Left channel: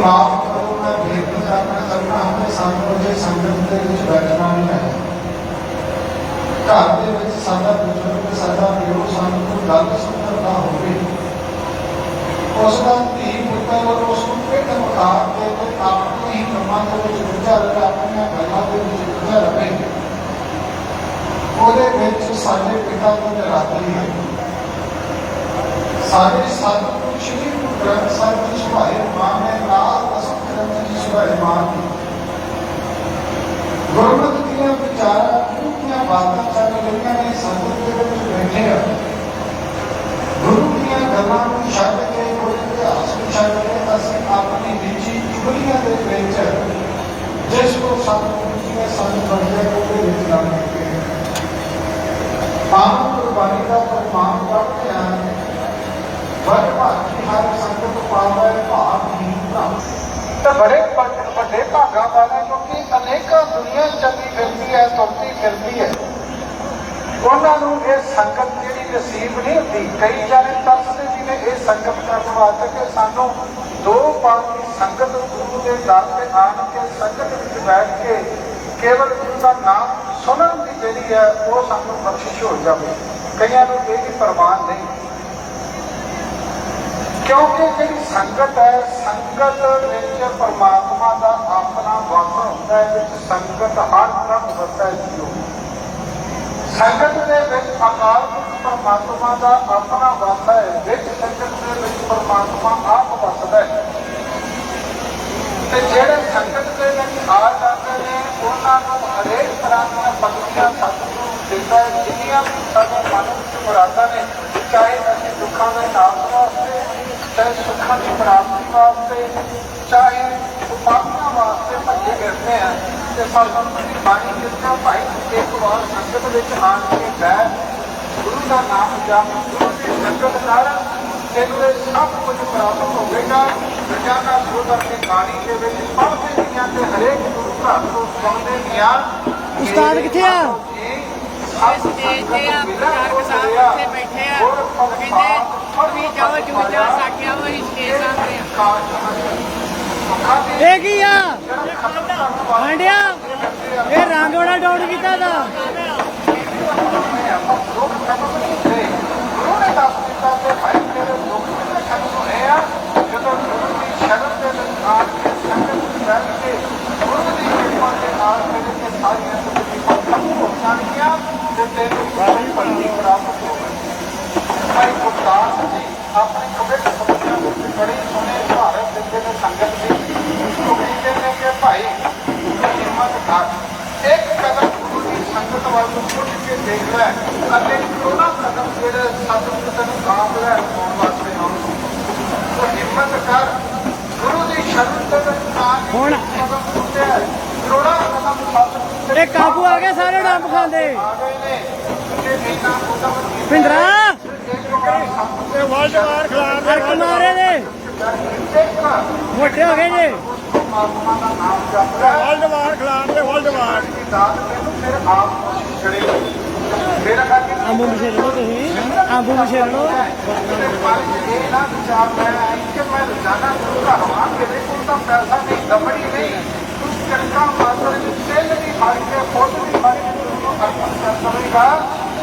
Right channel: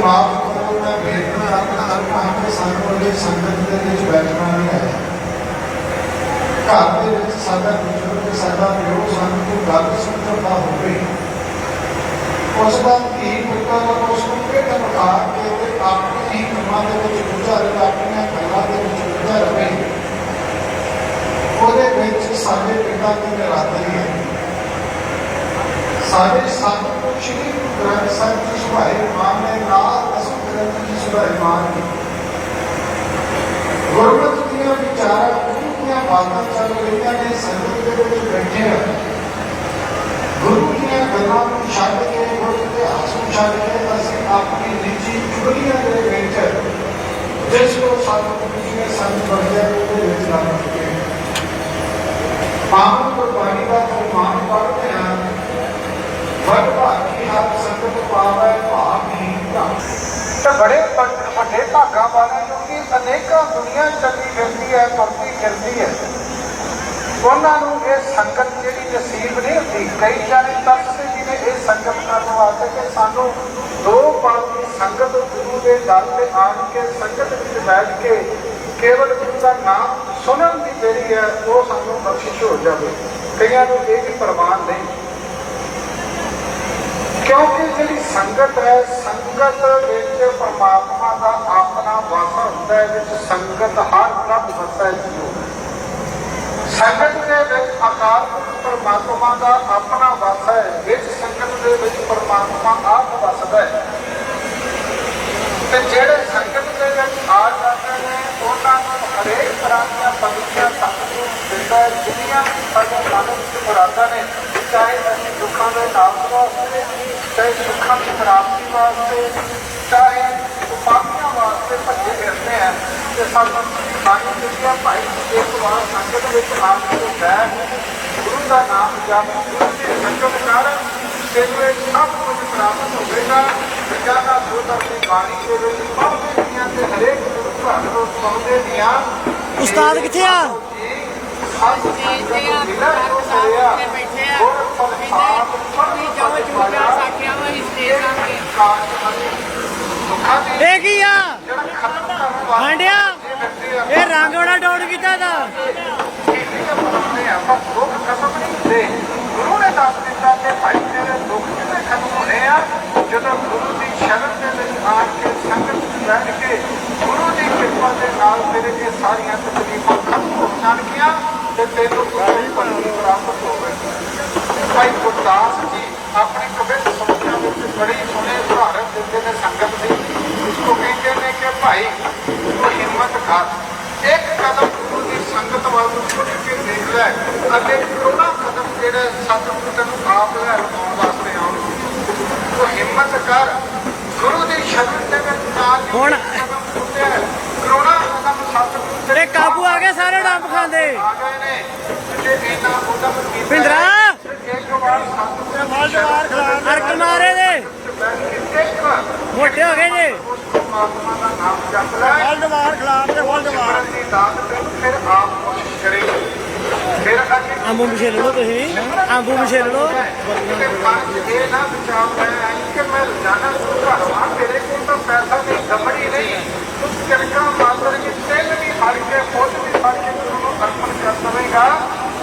ਮਾਫ ਕਰੋ ਮੈਂ ਬੇਨਤੀ ਕਰਨਾ ਚਾਹੁੰਦਾ ਹਾਂ ਕਿ ਸਾਨੂੰ ਇਹ ਸੰਗਤ ਦੇ ਵਿੱਚ ਬੈਠਣਾ ਨਹੀਂ ਹੈ ਘਰ ਦੇ ਵਿੱਚ ਸਾਡਾ ਬਜ਼ੁਰਗ ਸਾਡਾ ਪਿਓ ਸਾਨੂੰ ਕੋਈ ਗੱਲ ਸੁਣਨ ਹੋਵੇ। ਉਸ ਵਕਤ ਹੀ ਪੁੱਤਾਂ ਨੂੰ ਉਸ ਨੂੰ ਕਿਹੜੇ ਮੁਤਾਬ ਦੇ ਤੇ ਆਪਣੇ ਹੀ ਮਨਾਂ ਦੇ ਵਿੱਚ ਗੁੱਝਾ ਰਹੇ, ਆਪਣੀਆਂ ਗੱਲਾਂ ਦੇ ਵਿੱਚ ਗੁੱਝਾ ਰਹੇ। ਉਹਦੇ ਵਿੱਚ ਸਾਡੇ ਪਿਤਾ ਦੀ ਨਿਰਾਦਰੀ ਹੈ। ਸਾਡੇ ਸਭ ਸ਼੍ਰੀ ਗੁਰੂ ਗ੍ਰੰਥ ਸਾਹਿਬ ਜੀ ਸੁਭਾਏ ਮਾਨ ਨੇ ਨਾਲ ਦਸਮ ਗ੍ਰੰਥ ਜੀ ਸੁਭਾਏ ਮਾਨ ਨੇ ਗੁਰਮਤਿ ਦੀਆਂ ਵਿਚਾਰਾਂ ਗੁਰੂ ਦੀਆਂ ਬਾਤਾਂ ਚੱਲ ਰਹੀਆਂ ਨੇ ਸੰਗਤ ਦੇ ਵਿੱਚ ਬੈਠੇ ਆ ਗੁਰੂ ਦੀਆਂ ਗੱਲਾਂ ਨੂੰ ਛੱਡ ਕੇ ਗੁਰੂ ਦੇ ਇਤਿਹਾਸ ਨੂੰ ਛੱਡ ਕੇ ਅਸੀਂ ਆਪਣੀ ਨਿੱਜੀ ਚੁਗਲੀਆਂ ਦੇ ਵਿੱਚ ਜਿਸ ਕੋ ਸਾਨੂੰ ਗੁਰੂ ਨੇ ਸਾਨੂੰ ਬੜਿਆ ਉਹਦੇ ਵਿੱਚ ਲੱਗ ਚੁੱਕੇ ਹਾਂ ਪਾਵਨ ਗੁਰਬਾਣੀ ਦਾ ਪ੍ਰਮਾਣ ਪੜ੍ਹਦੇ ਹਾਂ ਵਡ ਭਾਗੀ ਹਰ ਸੰਗਤ ਪਾਵੈ ਭਾਗੀ ਭ੍ਰਮ ਤੇ ਬੜੇ ਵੱਡ- ਵੱਡੇ ਭਾਗਾਂ ਵਾਲਾ ਕਿਉਂਕਿ ਅਨੇਕਾਂ ਦੁਨੀਆ ਚੱਲੀ ਫਿਰਦੀ ਹੈ, ਤੁਰਦੀ ਫਿਰਦੀ ਹੈ। ਉਹਨਾਂ ਨੂੰ ਇਹ ਸੰਗਤ ਜਿਹੜੀ ਨਸੀਬ ਨਹੀਂ ਹੁੰਦੀ। ਕਈ ਜਾਣੇ ਦੱਸਦੇ ਵੀ ਨੇ ਇਹ ਸੰਗਤ ਕਰਨ ਵਾਸਤੇ ਕਿ ਸਾਨੂੰ ਦੋ ਪਲ ਦੀ ਸੰਗਤ ਗੁਰੂ ਦੇ ਦਰ ਤੇ ਆਣ ਕੇ ਸੰਗਤ ਵਿੱਚ ਬੈਠ ਕੇ ਕੇਵਲ ਗੁਰੂ ਦਾ ਨਾਮ ਸੁਣਨ ਦੀ ਜਿਹੜੀ ਹੈ, ਉਹ ਸਾਨੂੰ ਬਖਸ਼ਿਸ਼ ਹੋ ਜਾਵੇ। ਕਈਆਂ ਨੂੰ ਇਹ ਵੀ ਪ੍ਰਵਾਨ ਨਹੀਂ। ਕਿਉਂਕਿ ਜਿਹੜੀ ਸੰਗਤ ਹੈ, ਸੰਗਤ ਵਿੱਚ ਪਰਮਾਤਮਾ ਦਾ ਆਪਣਾ ਵਾਸ ਹੁੰਦਾ ਹੈ, ਵਿੱਚ ਸੰਗਤ ਹਰ ਪ੍ਰਭ ਵਸੈ ਜੀਓ। ਸੰਗਤ ਦੇ ਵਿੱਚ ਅਕਾਲ ਪਰਮਾਤਮਾ ਦਾ ਆਪਣਾ ਵਾਸ ਹੈ, ਵਿੱਚ ਸੰਗਤ ਦੇ ਵਿੱਚ ਪਰਮਾਤਮਾ ਆਪ ਵਸਦਾ ਹੈ। ਤੇ ਜਿਹੜੇ ਸੰਗਤ ਦੇ ਵਿੱਚ ਆ ਜਾਂਦੇ ਨੇ, ਉਹਨਾਂ ਨੂੰ ਹਰੇਕ ਤਰ੍ਹਾਂ ਦਾ ਬਖਸ਼ਿਆ ਸਤਿਗੁਰੂ ਦਿੰਦਾ ਹੈ। ਦੁਨੀਆ ਵਿੱਚ ਸਾਡੇ ਮਨ ਨੇ, ਚਾਹੇ ਅਸੀਂ ਦੁੱਖਾਂ ਦੇ ਨਾਮ ਵਾਸਤੇ ਚਾਹੇ ਸੁੱਖਾਂ ਦੀ ਪ੍ਰਾਪਤੀ ਵਾਸਤੇ ਚਾਹੇ ਉਪਾਧੀਆਂ ਵਾਸਤੇ ਭੱਜੇ ਫਿਰਦੇ ਆ ਤੇ ਸਾਨੂੰ ਬਾਣੀ ਦਿੱਤੀਆਂ ਭਾਈ ਇੱਕ ਵਾਰ ਸੰਗਤ ਵਿੱਚ ਆ ਕੇ ਬੈਠ ਗੁਰੂ ਦਾ ਨਾਮ ਜਪ ਗੁਰੂ ਦੀ ਸੰਗਤ ਨਾਲ ਤੇਰੇ ਸਭ ਕੁਝ ਪ੍ਰਾਪਤ ਹੋਵੇਗਾ ਜਗਾ ਦਾ ਬੋਧ ਆਪਣੀ ਬਾਣੀ ਦੇ ਵਿੱਚ ਪੜ੍ਹਦੇ ਦੀਆਂ ਤੇ ਹਰੇਕ ਗੁਰੂ ਘਰ ਤੋਂ ਸੁਣਦੇ ਦੀਆਂ ਉਸਤਾਦ ਕਿੱਥੇ ਇਹ ਕੀ ਆ? ਹਾਂਡਿਆ ਇਹ ਰੰਗ ਬੜਾ ਡਾਊਨ ਕੀਤਾ ਦਾ ਗੁਰੂ ਨੇ ਦੱਸ ਦਿੱਤਾ ਕਿ ਭਾਈ ਤੇਰੇ ਦੁੱਖ ਦੇ ਖਤਮ ਹੋਣੇ ਆ ਜਦੋਂ ਗੁਰੂ ਦੀ ਸ਼ਬਦ ਦੇ ਵਿੱਚ ਆ ਕੇ ਸੰਗਤ ਵਿੱਚ ਬੈਠ ਕੇ ਗੁਰੂ ਦੀ ਕਿਰਪਾ ਦੇ ਨਾਲ ਤੇਰੇ ਇਹ ਸਾਰੀਆਂ ਤਕਲੀਫਾਂ ਖਤਮ ਹੋ ਜਾਣਗੀਆਂ ਤੇ ਤੈਨੂੰ ਕੋਈ ਭਲੀ ਪ੍ਰਾਪਤ ਹੋਵੇਗੀ ਭਾਈ ਗੁਰਦਾਸ ਜੀ ਆਪਣੀ ਕਬਿਤ ਸਮਝਣਾ ਵਿੱਚ ਬੜੀ ਸੋਹਣੇ ਉਦਾਹਰਨ ਦਿੰਦੇ ਨੇ ਸੰਗਤ ਦੀ ਉਸਕੋ ਕਹਿੰਦੇ ਨੇ ਕਿ ਭਾਈ ਤੂੰ ਹਿੰਮਤ ਕਰ ਇੱਕ ਕਦਮ ਗੁਰੂ ਦੀ ਸੰਗਤ ਵੱਲ ਨੂੰ ਛੁੱਟ ਕੇ ਦੇਖ ਲੈ ਅਤੇ ਕਰੋੜਾਂ ਕਦਮ ਜਿਹੜੇ ਸਤਿਗੁਰੂ ਤੈਨੂੰ ਆਪ ਲੈ ਰਖਾਉਣ ਵਾਸਤੇ ਆਉਣ ਉਹ ਹਿੰਮਤ ਕਰ ਗੁਰੂ ਦੀ ਸ਼ਰਨ ਦੇ ਵਿੱਚ ਆ ਕੇ ਹੁਣ- ਕਰੋੜਾਂ ਇਹ ਕਾਬੂ ਆ ਗਏ ਸਾਰੇ ਡੰਬ ਖਾਂਦੇ। ਆ ਗਏ ਨੇ ਤੇ ਇਹਨਾਂ ਉਦਮ ਕੀਤਾ ਭਿੰਦਰਾ! ਵਾਰ ਵਾਰ ਅਰਕ ਮਾਰੇ ਦੇ। ਵਾਰ ਮੋਟੇ ਹੋ ਗਏ ਜੇ। ਵਲਡਵਾਰ ਖਿਲਾਫ ਦੇ ਵਲਡਵਾਰ ਦੀ ਦਾਤ ਤੈਨੂੰ ਫਿਰ ਆਪ ਨੂੰ ਛੜੇ ਫਿਰ ਖਾਲੀ ਆਂਬੂ ਮਿਸ਼ੇ ਤੁਸੀਂ। ਆਂਬੂ ਮਿਸ਼ੇ ਲੋ ਕਿ ਮਨ ਇਹ ਨਾ ਵਿਚਾਰ ਮੈਂ ਆਈ ਕਿ ਮੈਂ ਰੋਜ਼ਾਨਾ ਗੁਰੂ ਘਰ ਆਵਾਂ ਮੇਰੇ ਕੋਲ ਤਾਂ ਪੈਸਾ ਨਹੀਂ ਦਮੜੀ ਨਹੀਂ ਕੁਝ ਚੜਕਾ ਮਾਤਰ ਵਿੱਚ ਤੇਲ ਵੀ ਫੜ ਕੇ ਖੁਦ ਵੀ ਸਭ ਕੁਝ ਨੂੰ ਅਰਪਣ ਕਰ ਦਵੇਗਾ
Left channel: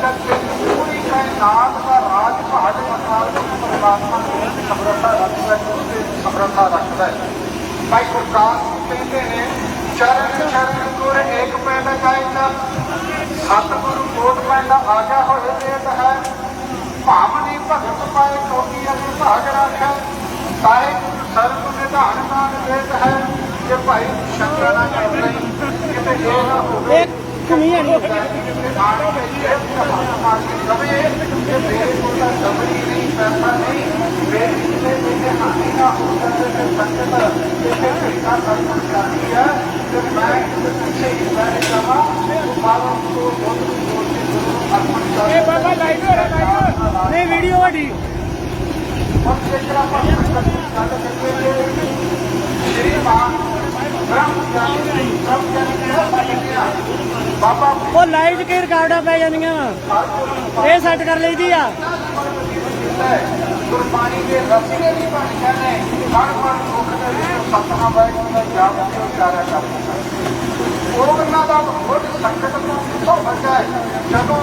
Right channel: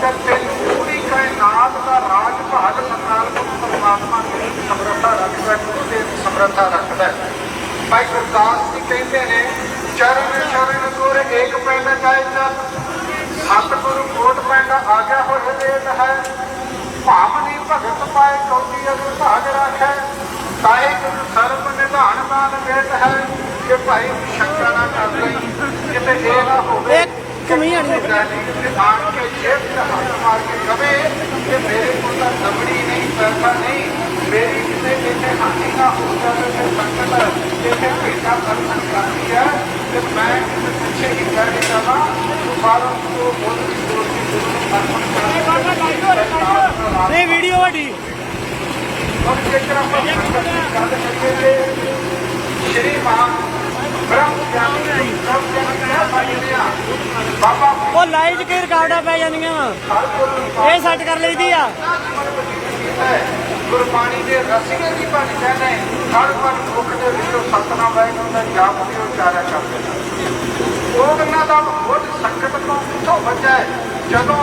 ਤੇ ਤੈਨੂੰ ਪੂਰੀ ਕਾਇਨਾਤ ਦਾ ਰਾਜ ਭਾਗ ਮਨਾਲ ਦੇ ਪਰਮਾਤਮਾ ਦੀ ਸਮਰੱਥਾ ਰੱਖਦਾ ਗੁਰੂ ਦੀ ਸਮਰੱਥਾ ਰੱਖਦਾ ਭਾਈ ਗੁਰਦਾਸ ਜੀ ਕਹਿੰਦੇ ਨੇ, ਚਰਨ ਚਰਨ ਗੁਰ ਏਕ ਪੈਂਡਾ ਜਾਏ ਚੱਲ। ਸਤਿਗੁਰੂ ਕੋਟ ਪੈਂਡਾ ਆਗਿਆ ਹੋਵੇ ਵੇਦ ਹੈ। ਭਾਵਨੀ ਭਗਤ ਪਾਏ ਕੌਡੀ ਅਸੁ ਭਾਗ ਰੱਖੇ ਤਾਏ ਸਰਬ ਨਿਧਾਨ ਨਾਮ ਵੇਦ ਹੈ ਕਿ ਭਾਈ ਸ਼ੰਕਰ ਨਾ ਕਰ ਲਈ ਕਿਤੇ ਇਹ ਨਾ ਹੋਵੇ। ਕਮੀ ਆਣੀ ਹੈ? ਕਿ ਆਪ ਕੇ ਜੇਬ ਤੇ ਹੱਥ ਮਾਰ ਕੇ ਕਵੇ ਕਿ ਮੇਰੇ ਕੋਲ ਤਾਂ ਦਮੜੀ ਨਹੀਂ ਪੈਸਾ ਨਹੀਂ। ਮੇਰੀ ਕਿਤੇ ਕਿਤੇ ਹਾਨੀ ਨਾ ਹੋ ਜਾਵੇ ਤੇ ਸੰਗਤ ਕਿਤੇ ਭੇਟਾ ਦਰਸ਼ਨ ਕਰਦੀ ਹੈ ਤੇ ਮੈਂ ਕਿਤੇ ਪਿੱਛੇ ਹੀ ਦੀ ਕਰ ਲਾਈਟੋ ਲਾਈਟੋ ਨਹੀਂ ਵੀਡੀਓ ਵੱਡੀ। ਔਰ ਜੇਕਰ ਆਪਾਂ ਗੱਲ ਕਰੀਏ ਸ਼੍ਰੀ ਮਾਨ ਬ੍ਰਹਮ ਗਿਆਨੀ ਸਭ ਜਨ ਬਾਬਾ ਉਹ ਲਾਈਵ ਚ ਕਈ ਰਿਕਾਰਡਾਂ ਪੈ ਜਾਂਦੀਆਂ ਵਾ। ਇਹ ਸੈੱਟ ਕਰ ਲਈਦੀ ਆ। ਗੁਰਬਾਣੀ ਦੇ ਰਸੀਏ ਦੀ ਬਣ ਗਏ ਹਰ ਮਨ ਮੁਖ ਦੇ ਵਿੱਚੋਂ ਸਤਨਾਮ ਵਾਹਿਗੁਰੂ ਦਾ ਜਾਪ ਤੇ ਉਚਾਰਿਆ ਕਰਦੇ ਉਹ ਉਹਨਾਂ ਦਾ ਬਹੁਤ ਸੰਕਟ ਤੋਂ ਕਿੱਥੋਂ ਬਚਿਆ ਜਦੋਂ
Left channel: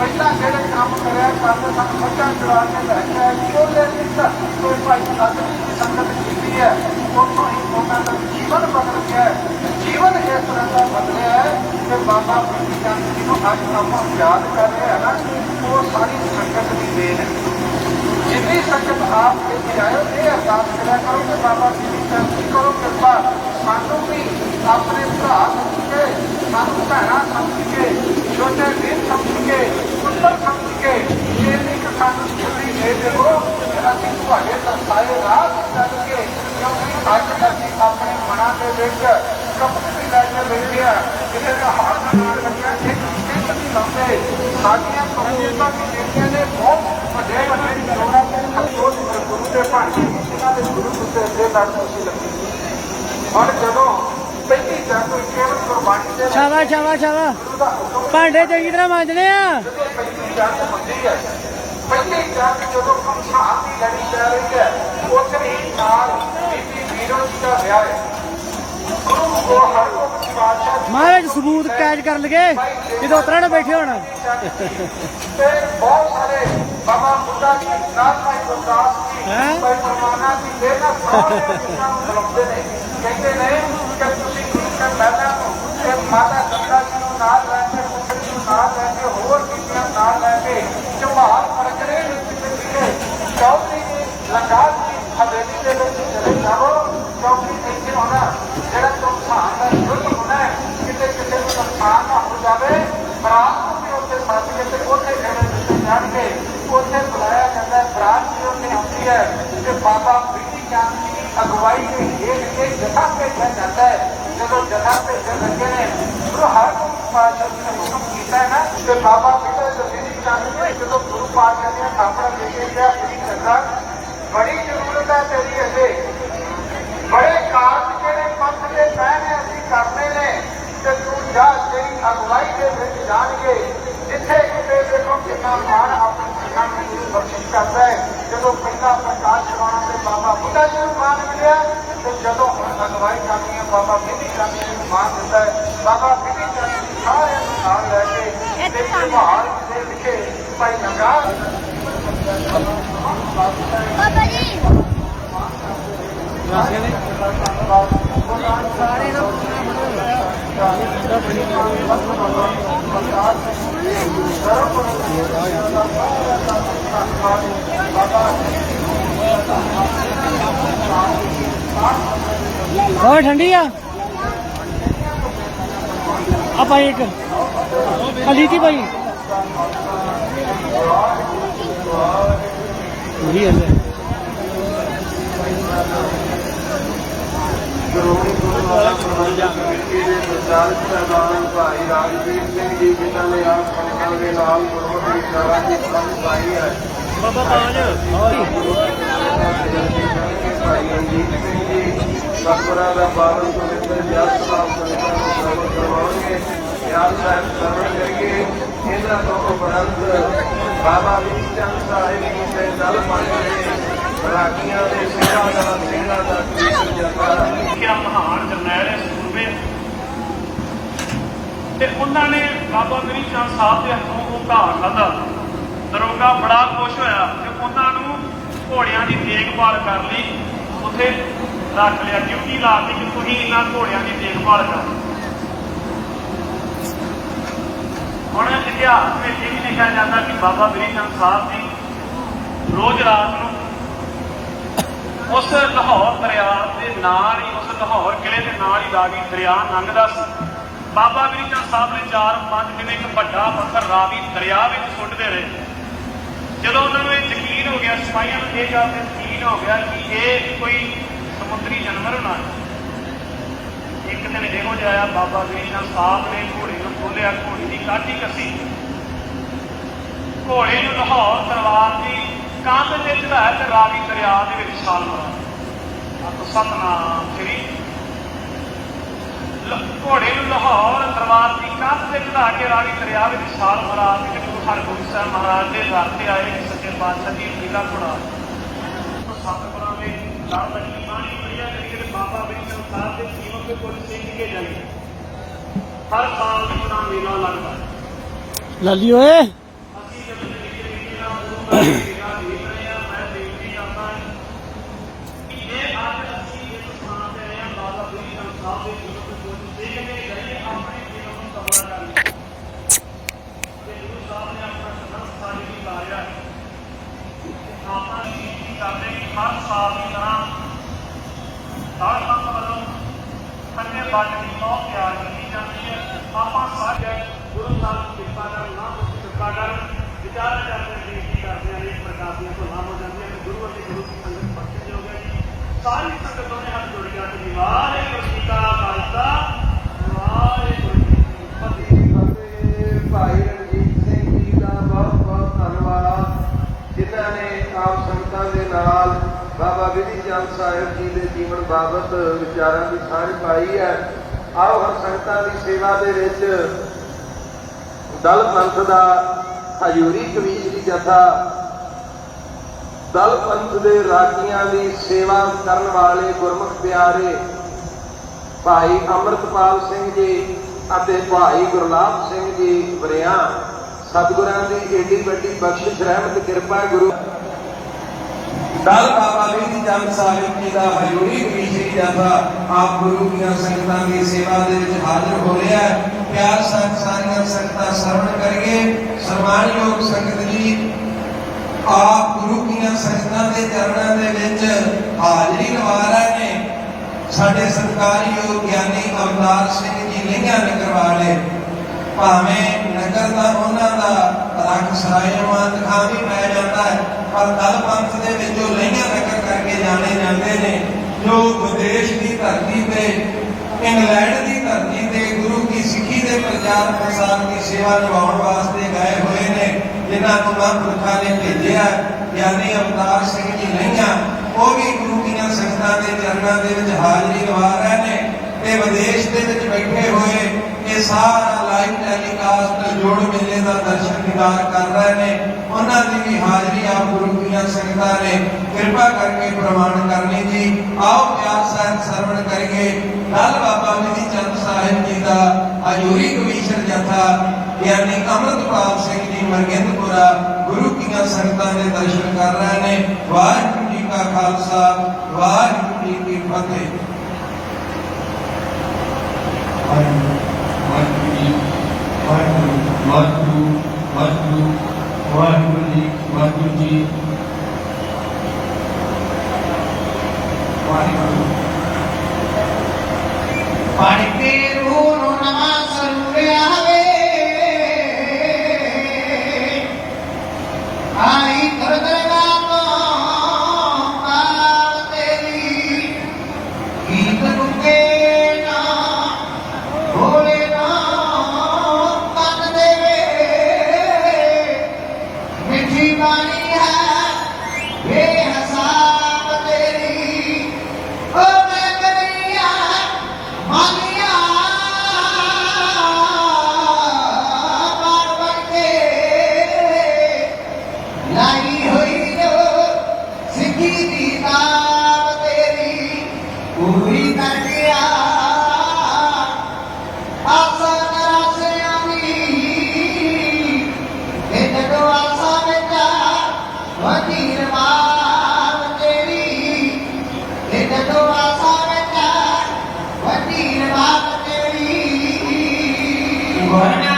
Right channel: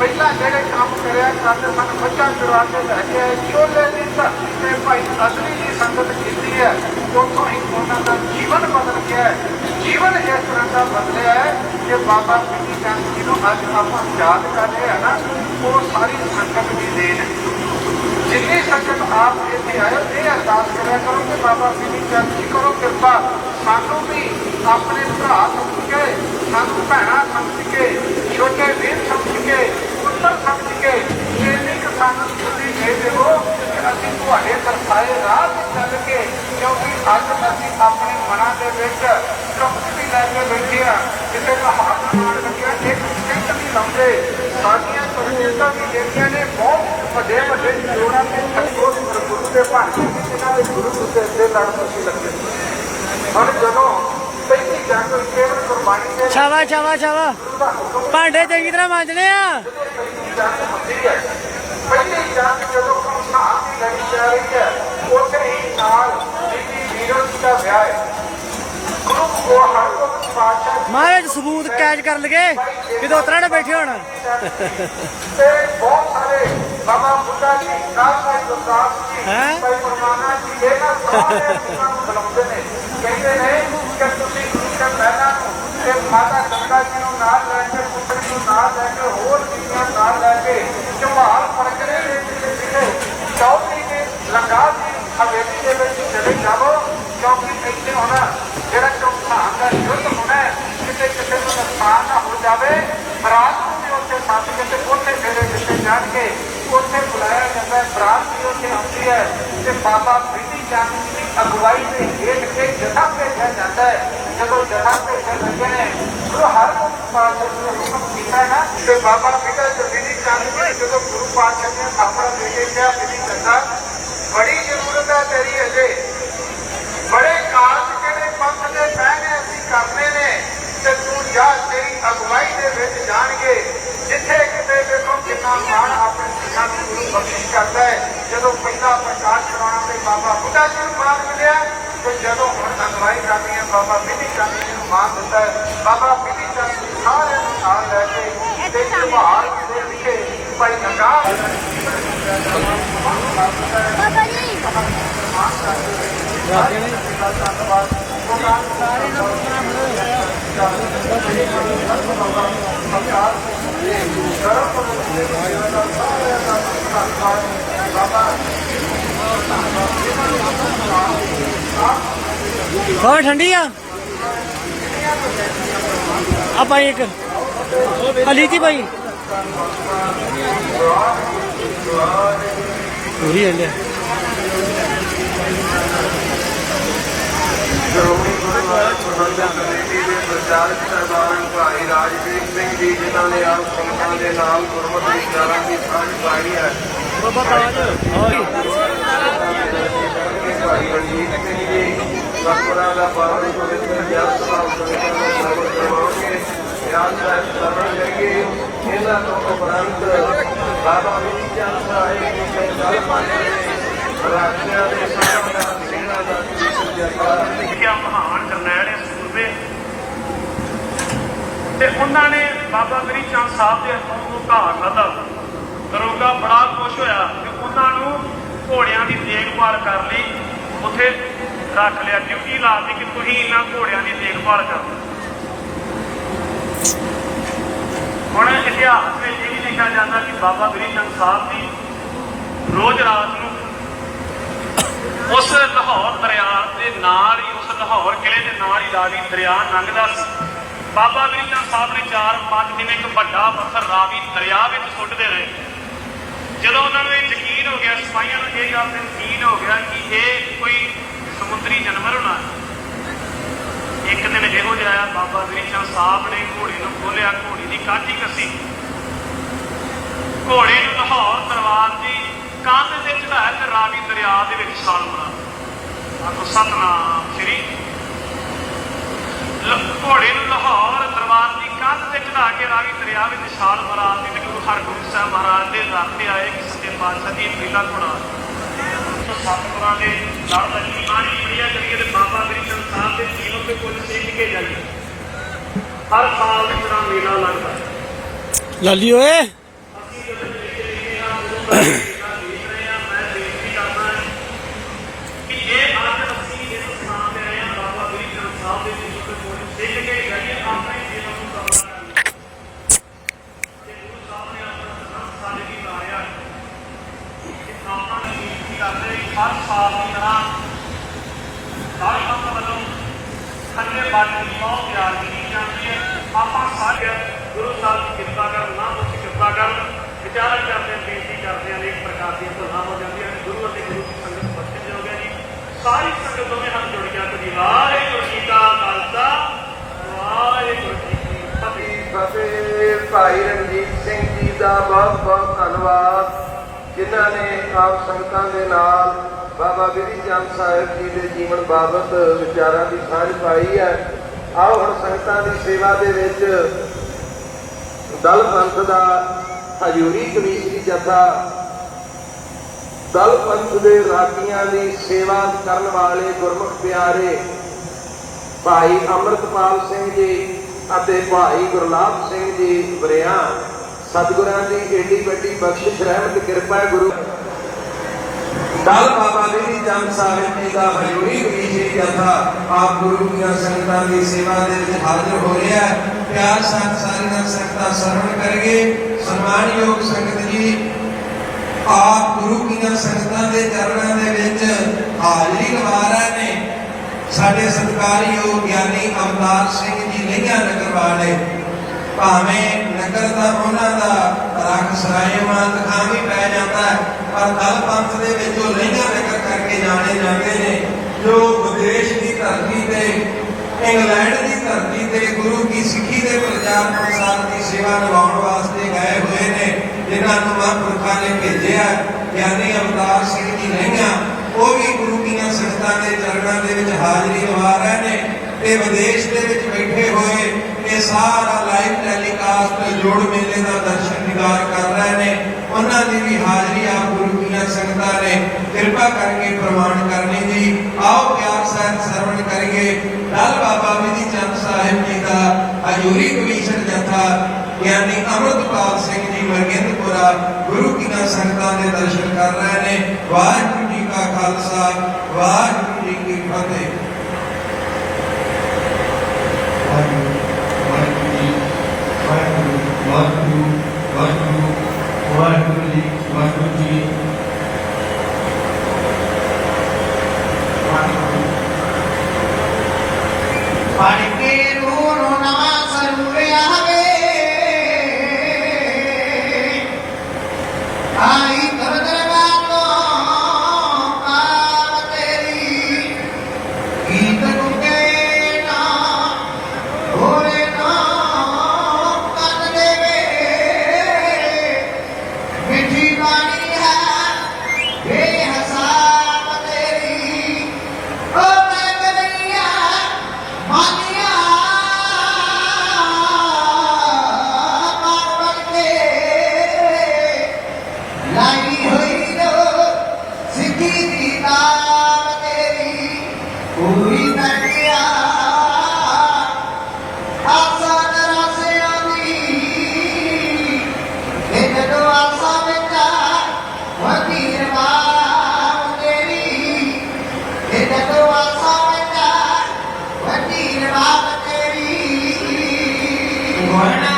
ਪਹਿਲਾਂ ਜਿਹੜੇ ਕੰਮ ਕਰਿਆ ਕਰਦੇ ਸਨ ਬੱਚਾ ਚੁਰਾ ਕੇ ਲੈ ਚੋਲੇ ਦੀ ਧਰਤੀ ਤੇ ਭਾਈ ਅਸਲੀ ਦੀ ਸੰਗਤ ਕੀਤੀ ਹੈ। ਉਦੋਂ ਹੀ ਉਹਨਾਂ ਦਾ ਜੀਵਨ ਬਦਲ ਗਿਆ ਜੀਵਨ ਇਸ ਤਰ੍ਹਾਂ ਦਾ ਬਦਲਿਆ ਕਿ ਬਾਬਾ ਪਿੰਡੀ ਚੰਦ ਜੀ ਨੂੰ ਅੱਜ ਆਪਾਂ ਯਾਦ ਕਰ ਰਹੇ ਹਾਂ ਨਾ, ਉਹ ਸਾਰੀ ਸੰਗਤ ਦੀ ਦੇਣ ਹੈ। ਜਿੰਨੀ ਸੰਗਤ ਆਪ ਇੱਥੇ ਆਇਓ ਇਹ ਅਰਦਾਸ ਕਰਿਆ ਕਰੋ ਕਿ ਬਾਬਾ ਜੀ ਦੀ ਚੰਦ ਜੀ ਕਰੋ, ਕਿਰਪਾ ਸਾਨੂੰ ਵੀ ਆਪਣੇ ਭਰਾ ਸਮਝ ਕੇ, ਸਾਨੂੰ ਭੈਣਾਂ ਸਮਝ ਕੇ, ਛੋਟੇ ਵੀਰ ਸਮਝ ਕੇ, ਪੁੱਤਰ ਸਮਝ ਕੇ, ਜੇ ਇੱਕ ਸਾਨੂੰ ਛੁੱਟੀ ਦੇ ਦਿਓ ਕਿ ਅਸੀਂ ਤੁਹਾਡੇ ਦਰਸਾਏ ਰਾਹ ਤੇ ਚੱਲ ਕੇ, ਕਿਉਂਕਿ ਅੱਜ ਅਸੀਂ ਆਪਣੇ ਮਨਾਂ ਦੇ ਵਿੱਚ ਸ਼ਬਦ ਵੀ ਲੈ ਕੇ ਬੈਠੇ ਆ ਕਿਸੇ ਦਾ ਹੱਥ ਨਾਲ ਲੱਗਿਆ ਇੱਕ ਲੰਘੇ ਸਾਡੀਆਂ ਸੁਰਜੀਤਾਂ ਵੀ ਜਿਹੜੀਆਂ ਨੇ ਬਹੁਤ ਵੱਡੇ ਵੱਡੇ ਜੋੜਾਂ ਦੇ ਖਤੋਂ ਗੁਰੂ ਦੇ ਭਾਂਡੇ ਉਹਨਾਂ ਦੇ ਗੁਰੂ ਦੇ ਦੇ ਨਾਲ ਤੁਸੀਂ ਲੱਗੇ। ਹਰ ਜਦੋਂ ਪਹਿਲੀ ਜਾਂ ਕੋਈ ਕੇਵਲ ਗੁਰਬਾਣੀ ਦੇ ਛਾਵਾ ਛਾਵਾ ਛਾਵਾ। ਭਾਂਡੇ ਚੰਗੀ ਤਰ੍ਹਾਂ ਮਾਂਜਣੇ ਆ। ਪਹਿਲੀ ਜਾਂ ਜਦੋਂ ਸੰਸਾਰ ਦੀ ਲੜੀ ਜਾ ਰਹੀ ਹੈ ਉੱਥੇ ਹੀ ਨਾਲ ਬੀਬੀ ਵੀਰੋਂ ਦਾ ਵਿਆਹ ਹੈ। ਗੁਰੂ ਬਾਦਸ਼ਾਹ ਮਹਾਰਾਜ ਸਬੂਤ ਕੈਚ ਕਰ ਲਗੇ ਜਦੋਂ ਉਤਰਾ ਨਾ ਬੈਠੇ ਹੋਣ ਤੇ ਬਹੁਤ ਸਾਰੇ ਬਾਬਾ ਬੁੱਢਾ ਜੀ ਨਾਲ ਭਾਈ ਗੁਰਦਾਸ ਜੀ ਹੈਂ? ਭਾਈ ਜੀ ਇਹ ਨਾ ਬੁਲਾਉਂਦੇ ਨੇ ਕਹਿੰਦੇ ਨੇ ਕਿ ਤੁਸੀਂ ਕਿਸੇ ਪਹਿਲਾਂ ਕਿ ਮਾਤਾ ਗੰਗਾ ਜੀ ਨੂੰ ਨਾਲ ਲੈ ਕੇ ਪੁੱਤਰ ਨੂੰ ਨਾਲ ਲੈ ਕੇ ਹੋਰ ਕਿੰਨਾ ਨਾਲ ਲੈ ਕੇ ਜਵਾਹਰ ਪਰਗੜੇ ਦੇ ਵਿੱਚ ਜਿਹੜੇ ਚੌਕੀ ਦੇ ਲੰਗਾ ਦੀ ਹਵੇਲੀ ਦੇ ਵਿੱਚ ਚਲੇ ਜਾਵੋ ਕਿਉਂਕਿ ਇੱਥੇ ਹੋਣਾ ਜਿਹੜਾ ਚੌਥਾਨ ਦਾ ਯੁੱਧ ਹੋਣਾ ਹੈ, ਕਿਤੇ ਕਿਸੇ ਨੂੰ ਨੁਕਸਾਨ ਨਾ ਹੋ ਜਾਵੇ ਬਰਾਤ ਨੂੰ ਵੀ ਉੱਥੇ ਸੱਦ ਕੇ ਤੇ ਉੱਥੇ ਫੇਰੇ ਦਿੱਤੇ ਜਾਣਗੇ। ਉੱਥੇ ਬੁਲਾਇਆ ਜਾਂਦਾ ਹੈ ਬਰਾਤ ਵੀ ਉੱਥੇ ਆਉਂਦੀ ਹੈ ਤੇ ਬਾਬਾ ਬੀਬੀ ਚੰਦ ਦੀ ਅਗਵਾਈ ਦੇ ਹੇਠ ਕੇ ਜਥਾ ਭੇਜਿਆ ਜਾਂਦਾ ਹੈ। ਜਦੋਂ ਜਥਾ ਭੇਜਣ ਲੱਗੇ ਨੇ ਉਹ ਹਰ ਪਾਤਸ਼ਾਹ ਨੇ ਹੁਕਮ ਕੀਤਾ ਹੈ ਨਾ ਤੇ ਬਾਬਾ ਬੀਬੀ ਜਬੀਦੀ ਚੰਦ ਜੀ ਜਦੋਂ ਗੁਰੂ ਪਾਤਸ਼ਾਹ ਨੇ ਬਾਬਾ ਬੀਬੀ ਕਿਹਾ ਬੀਬੀ ਚੰਦਾ ਬੜੀ ਜ਼ਰੂਰਤ ਹੈ ਤੇਰੀ ਅਜੇ। ਬੜੇ ਕਾਰਜ ਜਿਹੜੇ ਪੰਥ ਦੇ ਪਹਿਨੇ ਅਸੀਂ ਕਰਦੇ ਅਗਵਾਈ ਦੇ ਵਿੱਚ ਜਾਣਗੇ ਜਿੱਥੇ ਕਿਤੇ ਦੇਖੋ ਕਿੰਨਾ ਮਾਣ ਆਪਣੇ ਸਿੱਖਾਂ ਨੂੰ ਗੁਰੂ ਬਖਸ਼ਿਸ਼ ਕਰਦਾ ਹੈ ਜਦੋਂ ਪਹਿਲਾ ਪ੍ਰਕਾਸ਼ ਕਰਾਉਣਾ ਤੇ ਬਾਬਾ ਬੁੱਢਾ ਜੀ ਨੂੰ ਮਾਣ ਮਿਲਿਆ ਤੇ ਜਦੋਂ ਹੁਣ ਅਗਵਾਈ ਕਰਨੀ ਹੈ ਬਾਬਾ ਬਿਧੀ ਚੰਦ ਜੀ ਨੂੰ ਮਾਣ ਮਿਲਦਾ ਹੈ ਬਾਬਾ ਬਿਧੀ ਚੰਦ ਜੀ ਸਾਰਿਆਂ ਨੂੰ ਨਾਲ ਲੈ ਕੇ ਤੇ ਜਵਾਹਰ ਦੇ ਵਿਖੇ ਭਾਈ ਨਗਾ ਬਾਬਾ ਜੀ। ਹੋਰ ਠੰਡੀ ਆ ਆ ਭਾਈ ਇੱਕ ਆ ਲੀਤੀ ਭਾਈ ਪੂਰੀ ਹਲੇ ਸ਼੍ਰੋਮਣੀ ਗੁਰਦੁਆਰਾ ਪ੍ਰਬੰਧਕ ਕਮੇਟੀ ਦੇ ਪ੍ਰਚਾਰਕ ਸਰਦਾਰ ਭਾਈ ਰਾਜਵੀਰ ਸਿੰਘ ਜੀ, ਜਿਨ੍ਹਾਂ ਨੇ ਆਪ ਸੰਗਤਾਂ ਦੇ ਨਾਲ ਗੁਰਮਤਿ ਵਿਚਾਰਾਂ ਦੀ ਸਾਂਝ ਪਾਈ ਹੈ। ਸਤਿਗੁਰਾਂ ਦਾ ਬਾਦ ਇਹਨਾਂ ਤੋਂ ਬਾਬਾ ਬੁੱਢੀ ਚੰਦ ਸਾਹਿਬ ਨੂੰ ਦਲ ਮੰਨੇ ਰਾਜਿਆਂ ਮਹਾਨ ਜਰਨੈਲ ਸੂਰਬੇ ਤੇ ਉਹਨਾਂ ਨੇ ਬਾਬਾ ਮਰੀ ਚੰਦ ਸਾਹਿਬ ਦੇ ਹੱਥੋਂ ਉਹ ਧਾਰ ਲਾਦਾ। ਦਰੋਗਾ ਬੜਾ ਖੁਸ਼ ਹੋਇਆ ਕਿ ਉਹਨਾਂ ਨੂੰ ਘੋੜਿਆਂ ਦੀ ਦੇਖਭਾਲ ਕਰਨ ਲਈ। ਉੱਥੇ ਰੱਖ ਲਿਆ, ਡਿਊਟੀ ਲਾ ਦਿੱਤੀ ਕਿ ਤੁਸੀਂ ਇਹਨਾਂ ਘੋੜਿਆਂ ਦੀ ਦੇਖਭਾਲ ਕਰੋ। ਹੁਣ ਇਤਿਹਾਸ ਵਿੱਚ ਇਹ ਵੀ ਲਿਖਿਆ ਜਾਂਦਾ ਕਿ ਬਾਬਾ ਮਰੀ ਚੰਦ ਸਾਹਿਬ ਜੀ ਰੋਜ਼ ਰਾਤ ਨੂੰ ਉਸ ਲਾਹੌਰ ਦਰਿਆ ਦੇ ਨਾਲ ਹੀ, ਉਸ ਲਾਹੌਰ ਕਿਲੇ ਦੇ ਨਾਲ ਹੀ ਰਾਵੀ ਦਰਿਆ ਲੰਘਦਾ ਸੀ। ਬਾਬਾ ਜੀ ਸਾਹਿਬ ਨੇ ਚਾਰ ਪੰਜ ਦਿਨ ਇੱਕ ਵੱਡਾ ਪੱਥਰ ਰਾਵੀ ਦਰਿਆ ਵਿੱਚ ਸੁੱਟਦੇ ਰਹੇ। ਜਦੋਂ ਉਹਨਾਂ ਨੂੰ ਯਕੀਨ ਹੋ ਗਿਆ, ਸਿਪਾਹੀਆਂ ਨੂੰ ਇਹ ਗੱਲ ਤੇ ਯਕੀਨ ਹੋ ਗਿਆ ਕਿ ਇਹ ਕੋਈ ਸਮੁੰਦਰੀ ਜਾਨਵਰ ਨਾ ਇੱਕ ਦਿਨ ਇਹੋ ਜਿਹਾ ਆਇਆ, ਬਾਬਾ ਗ੍ਰੀਸ਼ਮ ਸਾਹਿਬ ਨੇ ਘੋੜੇ ਨੂੰ ਖੋਲਿਆ ਘੋੜੀ ਦੀ ਕਾਠੀ ਕੱਸੀ। ਘੋੜੇ ਨੂੰ ਲਾਹੌਰ ਦਰਬਾਰ ਦੀ ਤੇ ਚੜਾਇਆ ਤੇ ਰਾਵੀ ਦਰਿਆ ਦੇ ਵਿੱਚ ਛਾਲ ਮਾਰਾ। ਆਖੋ ਸਤਨਾਮ ਸ਼੍ਰੀ। ਘੋੜੇ ਨੂੰ ਲਾਹੌਰ ਤਲਵਾਰ ਦੀ ਕੰਧ ਤੇ ਚੜਾ ਕੇ ਰਾਵੀ ਦਰਿਆ ਵਿੱਚ ਛਾਲ ਮਾਰਾ। ਵਿੱਚ ਗੁਰੂ ਹਰਗੋਬਿੰਦ ਸਾਹਿਬ ਮਹਾਰਾਜ ਦੇ ਦਰ ਤੇ ਆਏ ਕਿ ਸੱਚੇ ਪਾਤਸ਼ਾਹ ਦੀ ਲੀਲਾ ਘੋੜਾ ਸਤਿਗੁਰਾਂ ਦੇ ਲੜ ਲੱਗੀ ਬਾਣੀ ਪੜੀਆਂ ਕਰੀਏ ਤੇ ਬਾਬਾ ਸਾਹਿਬ ਦੇ ਜੀਵਨ ਦੇ ਕੁਝ ਸਿੱਖ ਕੇ ਜਾਈਏ ਹਰ ਸਾਲ ਇਸ ਤਰ੍ਹਾਂ ਮੇਲਾ ਲੱਗਦਾ। ਲਾਲੀ ਓਏ। ਅਸੀਂ ਜਦੋਂ ਰਹਿੰਦੇ ਹਾਂ ਦੇ ਕੁਝ ਸਿੱਖ ਕੇ ਜਾਈਏ ਆਪਣੇ ਜੀਵਨ ਨੂੰ ਸਫਲ ਕਰੀਏ ਤੇ ਗੁਰੂ ਸਾਹਿਬ ਨੇ ਆਪਣਾ ਸਮਰਥ ਸਾਡੇ ਲਈ ਲਾਇਆ ਹੈ ਕਿ ਆਪਾਂ ਬੇਨਤੀ ਕਰਦੇ ਹਾਂ ਕਿ ਹਰ ਸਾਲ ਦੀ ਤਰ੍ਹਾਂ ਦਾਈ ਪੰਥ ਵੱਲੋਂ ਖੰਡੇ ਬਾਟੇ ਦੀ ਬਹੁਤ ਤਿਆਰ ਕੀਤੀ ਜਾਂਦੀ ਹੈ ਆਪਾਂ ਸਾਰੇ ਗੁਰੂ ਸਾਹਿਬ ਦੀ ਕਿਰਪਾ ਕਰਨ ਮਹਾਂਪੁਰਖ ਦੀ ਕਿਰਪਾ ਕਰਨ ਵਿਚਾਰਾਂ ਕਰਦੇ ਹਾਂ, ਬੇਨਤੀ ਕਰਦੇ ਹਾਂ ਅਨੇਕ ਪ੍ਰਕਾਰ ਦੀਆਂ ਸਲਾਹਾਂ ਹੋ ਜਾਂਦੀਆਂ ਨੇ ਗੁਰੂ ਅਤੇ ਗੁਰੂ ਦੀ ਸੰਗਤ ਬਖਸ਼ਿਸ਼ ਹੋ ਗਿਆ ਜੀ ਸਾਰੀ ਸੰਗਤ ਦੋਵੇਂ ਹੱਥ ਜੋੜ ਕੇ ਆਖੋ ਜੀ ਵਾਹਿਗੁਰੂ ਜੀ ਕਾ ਖਾਲਸਾ ਵਾਹਿਗੁਰੂ ਜੀ ਕੀ ਫਤਿਹ ਫਤਿਹ ਭਾਈ ਰਣਜੀਤ ਸਿੰਘ ਜੀ ਦਾ ਬਹੁਤ ਬਹੁਤ ਧੰਨਵਾਦ ਜਿਨ੍ਹਾਂ ਨੇ ਆਪ ਸੰਗਤਾਂ ਦੇ ਨਾਲ ਬਾਬਾ ਵਿਧੀ ਚੰਦ ਸਾਹਿਬ ਜੀ ਦੇ ਜੀਵਨ ਬਾਬਤ ਵਿਚਾਰਾਂ ਦੀ ਸਾਂਝ ਪਾਈ ਹੈ। ਆਓ ਹੁਣ ਸੰਗਤਾਂ ਦੀ ਸੇਵਾ ਦੇ ਵਿੱਚ ਦਲ ਪੰਥ ਦਾ ਹਜੂਰੀ ਪੁਲਿਸ ਦੀ ਜਥਾ ਦਲ ਪੰਥ ਦੇ ਰਾਜੀਆਂ ਦੀ ਸੇਵਾ ਕਰਨ ਵਾਲੇ ਗੁਰਮੁਖ ਪਿਆਰੇ ਭਾਈ ਅਮਰਤਪਾਲ ਸਿੰਘ ਜੀ ਅਤੇ ਭਾਈ ਗੁਰਲਾਬ ਸਿੰਘ ਜੀ ਵਰਿਆ, ਸਤਿਗੁਰਾਂ ਦੀ ਏਡੀ ਵੱਡੀ ਬਖਸ਼ਿਸ਼ ਰਹਿਮਤ ਕਿਰਪਾ ਗੁਰੂ ਦਲ ਬਾਬਾ ਜੀ ਚੰਦ ਸਾਹਿਬ ਜੀ ਦਾ ਹਜ਼ੂਰੀ ਵਿਖੇ ਜਥਾ ਆਪ ਗੁਰੂ ਦੀਆਂ ਸੰਗਤਾਂ ਦੀ ਸੇਵਾ ਦੇ ਵਿੱਚ ਹਾਜ਼ਰ ਹੋ ਰਿਹਾ ਪਿਆਰ ਸੰਗ ਸਾਰੀਆਂ ਸੰਗਤਾਂ ਸਰਵਣ ਕਰੀਏ ਸਨਮਾਨਯੋਗ ਸੰਗਤ ਜੀ, ਆਪ ਗੁਰੂ ਦੀਆਂ ਸੰਗਤਾਂ ਦੇ ਚਰਨਾਂ ਦੇ ਵਿੱਚ ਹਾਜ਼ਰੀ ਲਵਾ ਰਹੇ ਨੇ। ਸਾਡੇ ਸਤਿਕਾਰਯੋਗ ਗਿਆਨੀ ਅਵਤਾਰ ਸਿੰਘ ਜੀ ਲਈਆਂ ਨਗਰ ਵਾਲੇ, ਭਾਵੇਂ ਨਗਰ ਦਾ ਉਹਨਾਂ ਦਾ ਰੰਗ ਸਰਾਇਮਾਨ ਖਾਂ ਵੀ ਪੈ ਜਾਂਦਾ ਹੈ ਪਰ ਦਲ ਪੰਥ ਦੇ ਵਿੱਚ ਉਹ ਲਈਆਂ ਨਗਰ ਕਰਕੇ ਜਾਣੇ ਜਾਂਦੇ ਨੇ। ਜੋ ਵਿਦੇਸ਼ ਦੀ ਧਰਤੀ ਤੇ, ਇੰਗਲੈਂਡ ਦੀ ਧਰਤੀ ਤੇ, ਗੁਰੂ ਕੀ ਸਿੱਖੀ ਦੇ ਪ੍ਰਚਾਰ ਪ੍ਰਸਾਰ ਦੀ ਸੇਵਾ ਨਿਭਾਉਣ ਵਾਸਤੇ ਗਏ ਹੋਏ ਨੇ, ਜਿਨ੍ਹਾਂ ਨੂੰ ਮਹਾਂਪੁਰਖਾਂ ਨੇ ਭੇਜਿਆ। ਗਿਆਨੀ ਅਵਤਾਰ ਸਿੰਘ ਜੀ ਲਹਿੰਗਾ ਉਹ ਵੀ ਗੁਰੂ ਦੀਆਂ ਸੰਗਤਾਂ ਦੇ ਚਰਨਾਂ ਦੇ ਵਿੱਚ ਹਾਜ਼ਰੀ ਲਵਾ ਰਹੇ ਨੇ ਤੇ ਵਿਦੇਸ਼ ਦੇ ਵਿੱਚ ਬੈਠੇ ਹੋਏ, ਇਹ ਸਾਰਾ ਲਾਈਵ ਟੈਲੀਕਾਸਟ ਜੋੜ ਮੇਲੇ ਦਾ ਦਰਸ਼ਨ ਨਿਗਾਰ ਕਰ ਰਹੇ ਨੇ। ਉਹਨਾਂ ਦੀ ਵੀ ਹਾਜ਼ਰੀ ਦੀਆਂ ਸੰਗਤਾਂ ਨੇ ਕਿਰਪਾ ਕਰਕੇ ਪ੍ਰਮਾਣ ਕਰਨੀ ਜੀ ਆਓ ਪਿਆਰ ਸਾਹਿਬ ਸਰਵਣ ਕਰੀਏ ਦਲ ਬਾਬਾ ਵਿਧੀ ਚੰਦ ਸਾਹਿਬ ਜੀ ਦਾ ਹਜੂਰੀ ਕਮਿਸ਼ਨ ਜਥਾ ਯਾਨੀ ਅਮਰਤਪਾਲ ਸਿੰਘ ਜੀ ਮਰਗਿੰਦਪੁਰਾ ਗੁਰੂ ਦੀਆਂ ਸੰਗਤਾਂ ਦੇ ਦਰਸ਼ਨ ਕਰ ਰਹੇ ਨੇ ਵਾਹਿਗੁਰੂ ਜੀ ਕਾ ਖਾਲਸਾ ਵਾਹਿਗੁਰੂ ਜੀ ਕੀ ਫਤਿਹ ਵਾਹਿਗੁਰੂ ਵਾਹਿਗੁਰੂ ਵਾਹਿਗੁਰੂ ਜੀ ਵਾਹਿਗੁਰੂ ਜੀ Para ਗੁਰੂ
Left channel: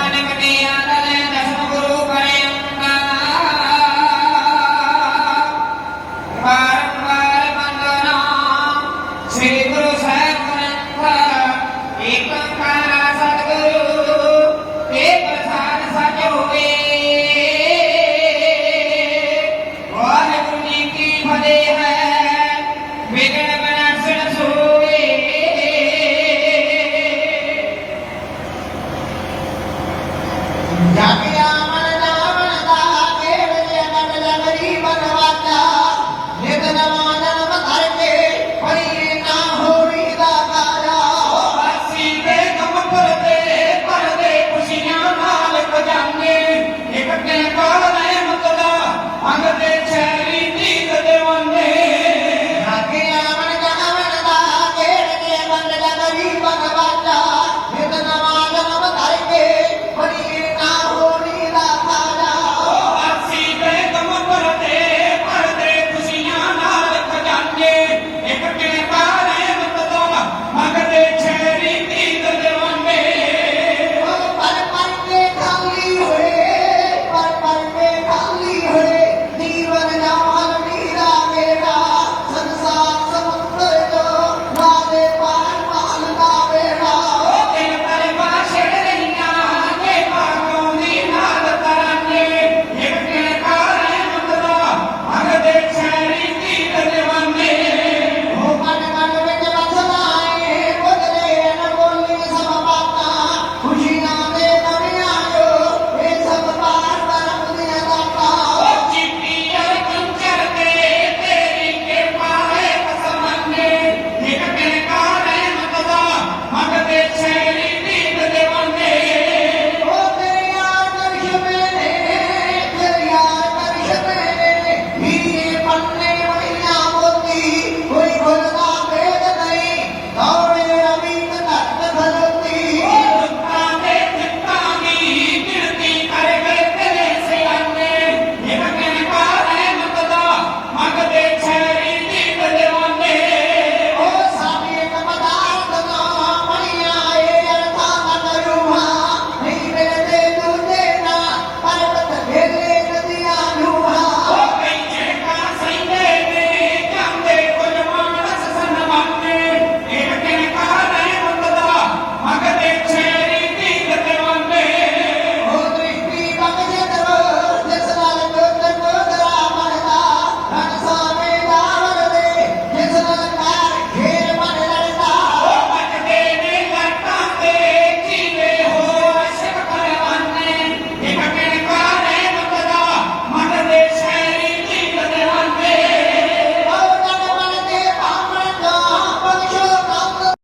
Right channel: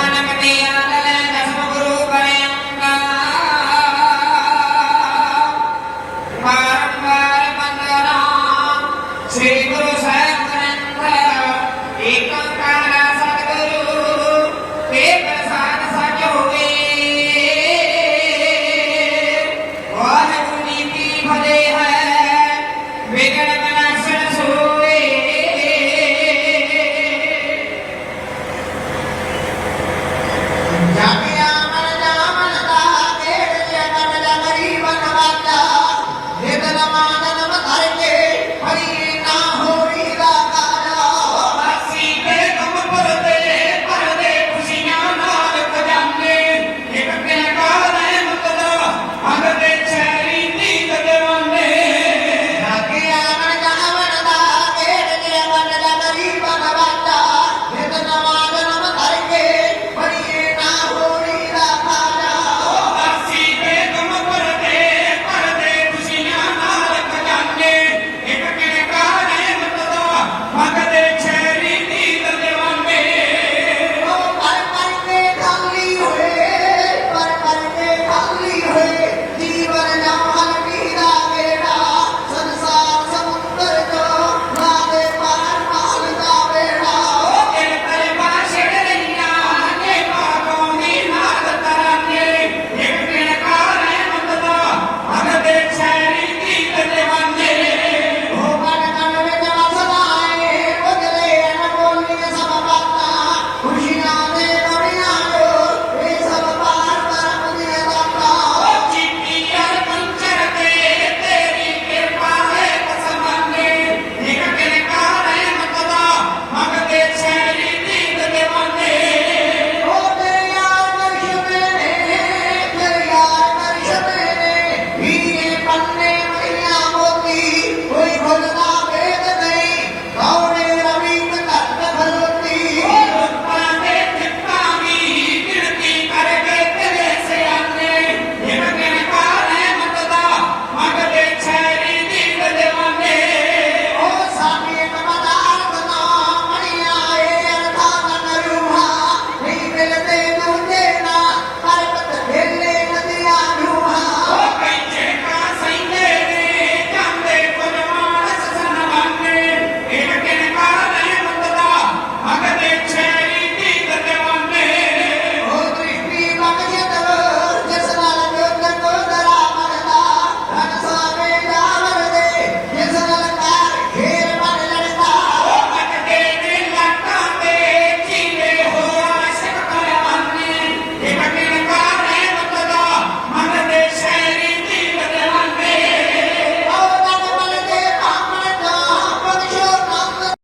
হবে না